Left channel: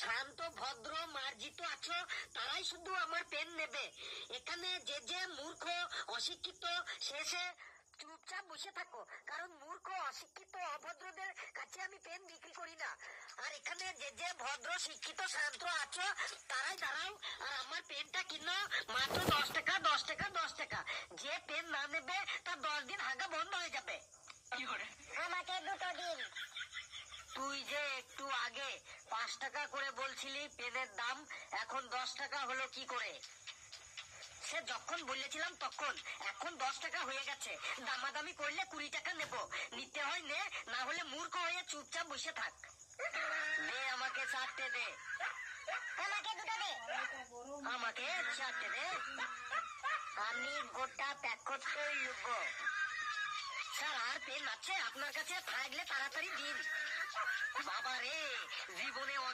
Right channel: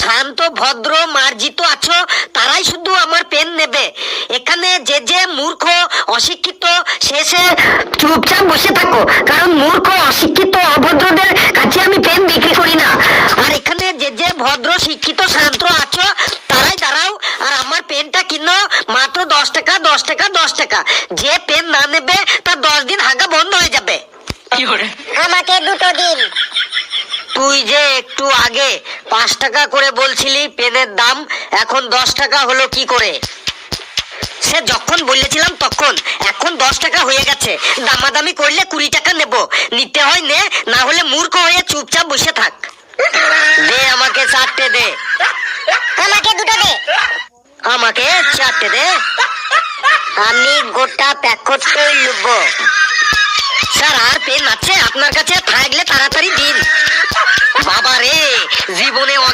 শান্ত ভদ্র মার্জিত আছো তারাই শুধু আমার পেন নেবে। এখানে যে যে মূর্খ অশিক্ষিত শেষে চুপচাপ বসে থাকো, কারণ মূর্খ অশিক্ষিত অভদ্রদের কাছে আমি পেন বিক্রি করি না। আর এখানে যে যে ভদ্র শিক্ষিত শান্ত আছো তারাই দাঁড়াও আর আমার পেনটা কিনো মাত্র 10 টাকা 10 টাকা 10 টাকা। যে পেন না নেবে তার 10 দিন হাগা বন্ধ হয়ে যাবে। আমাকে দুটো দিন। তুই যে একটু আগে 5 টাকা করে বলছিলি পেনের দাম, এখন 10 টাকা হলো কি করে? সে যখন বলেছিলাম তখন, এখন 10 টাকা হয়ে গেছে। দামাদামি করলে 20 টাকা নেব, নিতে হয় নে, না হলে মূর্খ হয়ে চুপচাপ বসে থাক। দে আমাকে 4টে দে। আমাকে দুটো দে। আমাকে 4টে দে। আমি গোটা প্যাকেটটাই নেব। স্যার আর পেন আছে আপনার কাছে? থাকলে তাড়াতাড়ি দিন। বাবা রে, জীবনে